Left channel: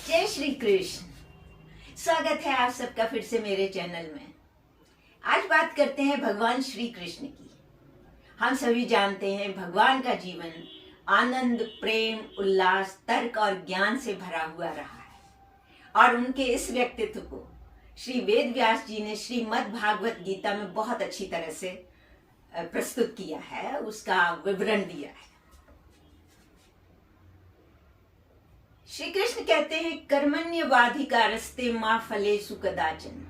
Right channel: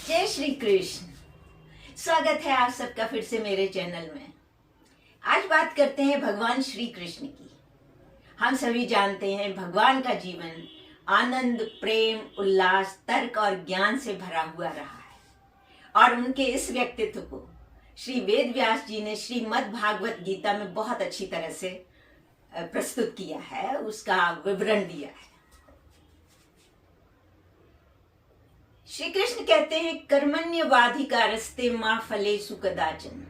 जय श्री कृष्ण। स्वागत है आप सबका फिर से मेरे चैनल में। आज बात करते हैं भगवान श्री कृष्ण की। हम सभी जानते हैं भगवान का जीवन आनंद, प्रेम, उल्लास, तर्क और ज्ञान से भरा हुआ रहा है और उनके इस व्यक्तित्व को श्री वेद व्यास जी ने श्रीमद् भागवत गीता में बहुत अच्छी तरह से प्रस्तुत किया है, उसका विवरण दिया है। श्री कृष्ण कहते हैं कर्मण्यवाधिकारस्ते मां फलेषु कदाचन,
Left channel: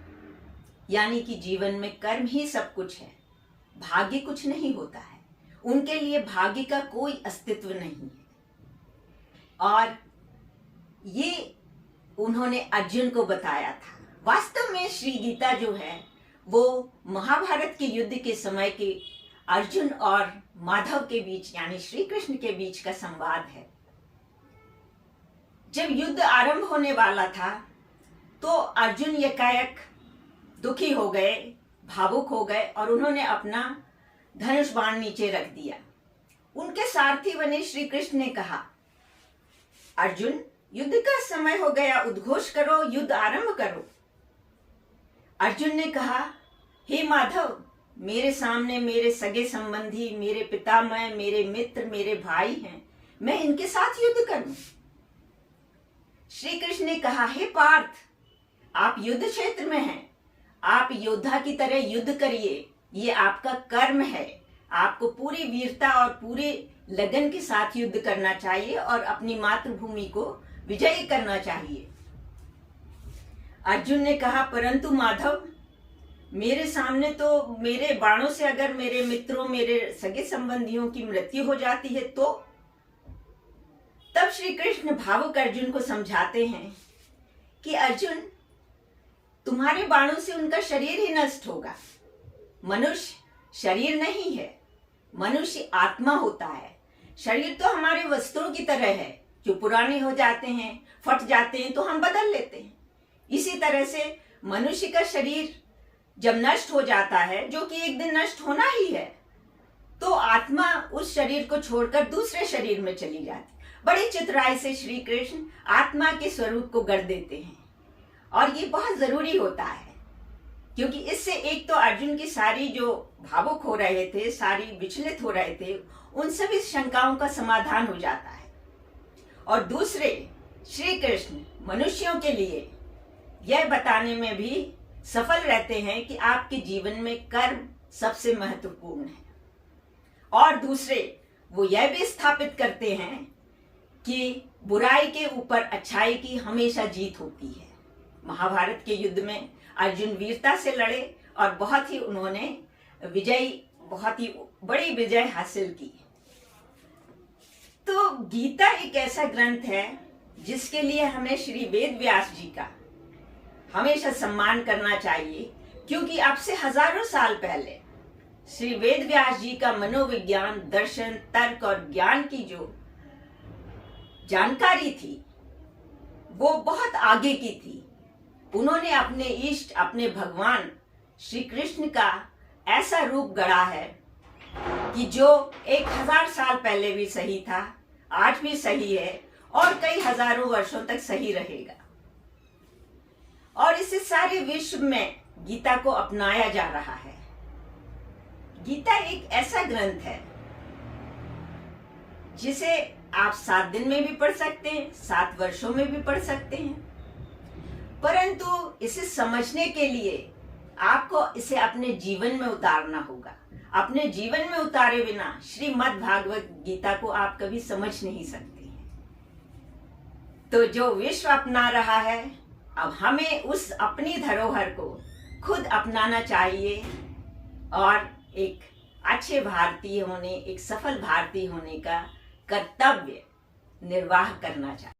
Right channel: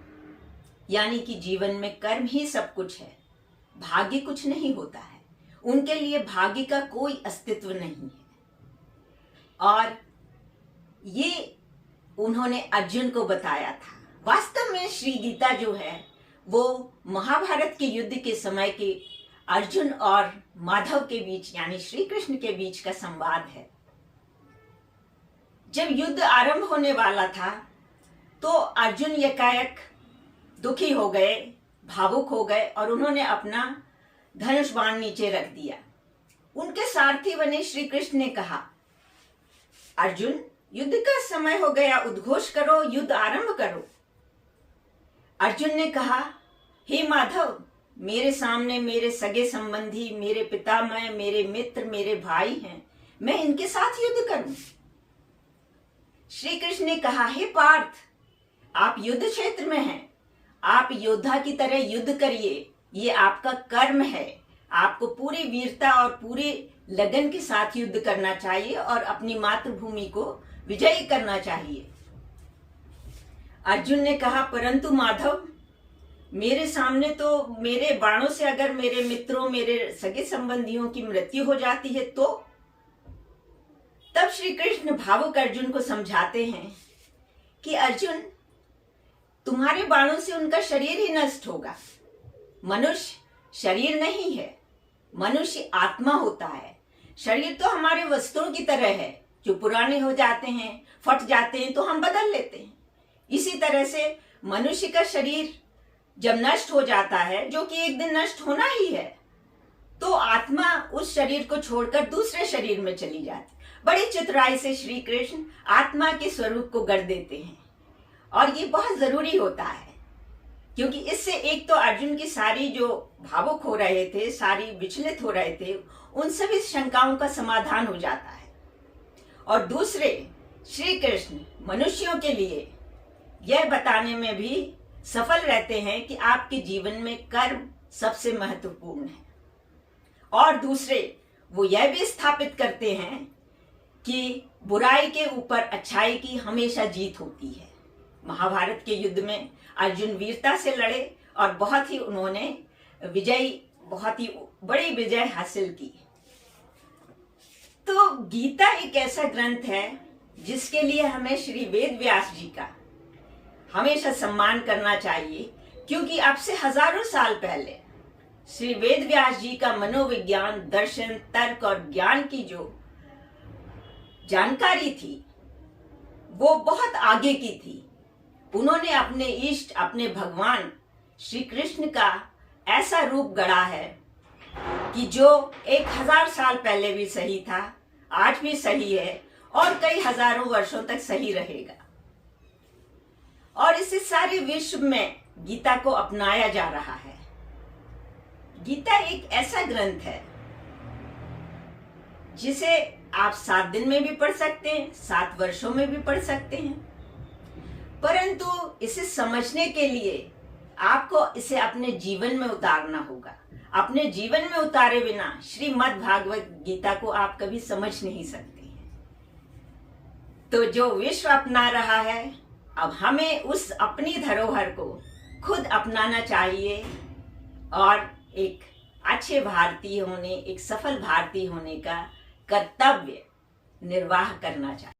यानी कि जीवन में कर्म ही सब कुछ है, भाग्य कुछ नहीं होता है। उनके लिए भाग्य का कोई अस्तित्व नहीं है। और ये उन्होंने अर्जुन को बताया था। वास्तव में श्री गीता जो है वो महाभारत के युद्ध के समय के अर्जुन और माधव के बीच यानी श्री कृष्ण के बीच का संवाद है। जब युद्ध आरंभ होने वाला था तो अर्जुन एकाएक दुखी हो गए, भावुक हो गए और उन्होंने अपना धनुष बाण नीचे रख दिया। उनके सारथी बने श्री कृष्ण ने कहा, अर्जुन युद्ध का समय हो गया, उद्घोष करो, युद्ध आरंभ करो। अर्जुन ने कहा, हे माधव, मेरे सामने मेरे सगे संबंधी, मेरे पितामह, मेरे मित्र, मेरे भाई हैं, मैं इनके साथ युद्ध करूं? श्री कृष्ण ने कहा, हे पार्थ, आप युद्ध क्षेत्र में हैं, आप योद्धा की तरह युद्ध करिए, ये आपका कर्म है। आपको पूरी वीरता और पूरे लगन के साथ युद्ध करना चाहिए और अपनी मातृभूमि को विजयी करना चाहिए। अर्जुन ने कहा, परंतु माधव, मेरे सामने तो मेरे बाणों से अगर मेरे मित्रों, मेरे सगे संबंधियों की मृत्यु हो जाती है तो? तब श्री कृष्ण भावुक अर्जुन को समझाते हैं कि अर्जुन, तुम्हारे बाणों से उनका शरीर ही नष्ट होगा। मनुष्य शरीर नहीं है, मनुष्य आत्मा होता है। शरीर तो हमारे वस्त्रों की तरह है, जो पुराने हो जाते हैं, फट जाते हैं तो हम बदल लेते हैं। इसी तरह से मनुष्य का शरीर जब नष्ट हो जाता है, जो कि एक दिन नष्ट होना ही है, तो आत्मा उस शरीर को छोड़कर दूसरे शरीर में चली जाती। बड़ी चितराई से श्री कृष्ण आत्मा के स्वरूप को गढ़ देते हैं और ये बहुत जरूरी होता है, क्योंकि इससे एक तो अर्जुन की सारी जो भावुक हो रहे थे, सारी विचलित हो रहे थे, उन सभी शंकाओं का समाधान हो जाता है। और दूसरे, श्री कृष्ण मनुष्यों के लिए यह बताने में भी सफल रहते हैं कि आपके जीवन में कर्म सबसे महत्वपूर्ण है। और दूसरे, वो यह भी स्थापित करते हैं कि बुराई के ऊपर अच्छाई की हमेशा जीत होती है। महाभारत के युद्ध में अर्जुन वीरता से लड़े और बहुत ही उन्होंने बहुत ही बड़ी विजय हासिल की। तो गीता एक ऐसा ग्रंथ है जिसके लिए हमें श्री वेद व्यास जी का हमेशा सम्मान करना चाहिए, क्योंकि अब से हजारों साल पहले श्री वेद व्यास जी का मनोविज्ञान, दर्शन, तर्क और ज्ञान की जो जानकारी थी वो बहुत आगे की थी। उन्होंने अपने इष्ट, अपने भगवान श्री कृष्ण का ऐसा रूप गढ़ा है कि जो 1000 साल पहले भी सही था, आज भी सही है और कई हजारों वर्षों तक सही रहेगा। और इसे सारे विश्व में गीता को अपनाया जा रहा है। गीता एक ऐसा ग्रंथ है जिसे आप 7 दिन में भी पढ़ सकते हैं, 7 वर्षों में भी पढ़ सकते हैं, परंतु इसे समझने के लिए आपको इसे अपने जीवन में उतारना होगा। अपने जीवन में उतारे बिना श्रीमद् भागवत गीता को आप कभी समझ नहीं सकते हैं। तो जो विश्व अपना रहा है, अब हमें उस अपनी धरोहर को खुद अपनाना चाहिए और एक अच्छे भारतीय होने, एक सफल भारतीय होने का कर्तव्य निर्वाह करना चाहिए।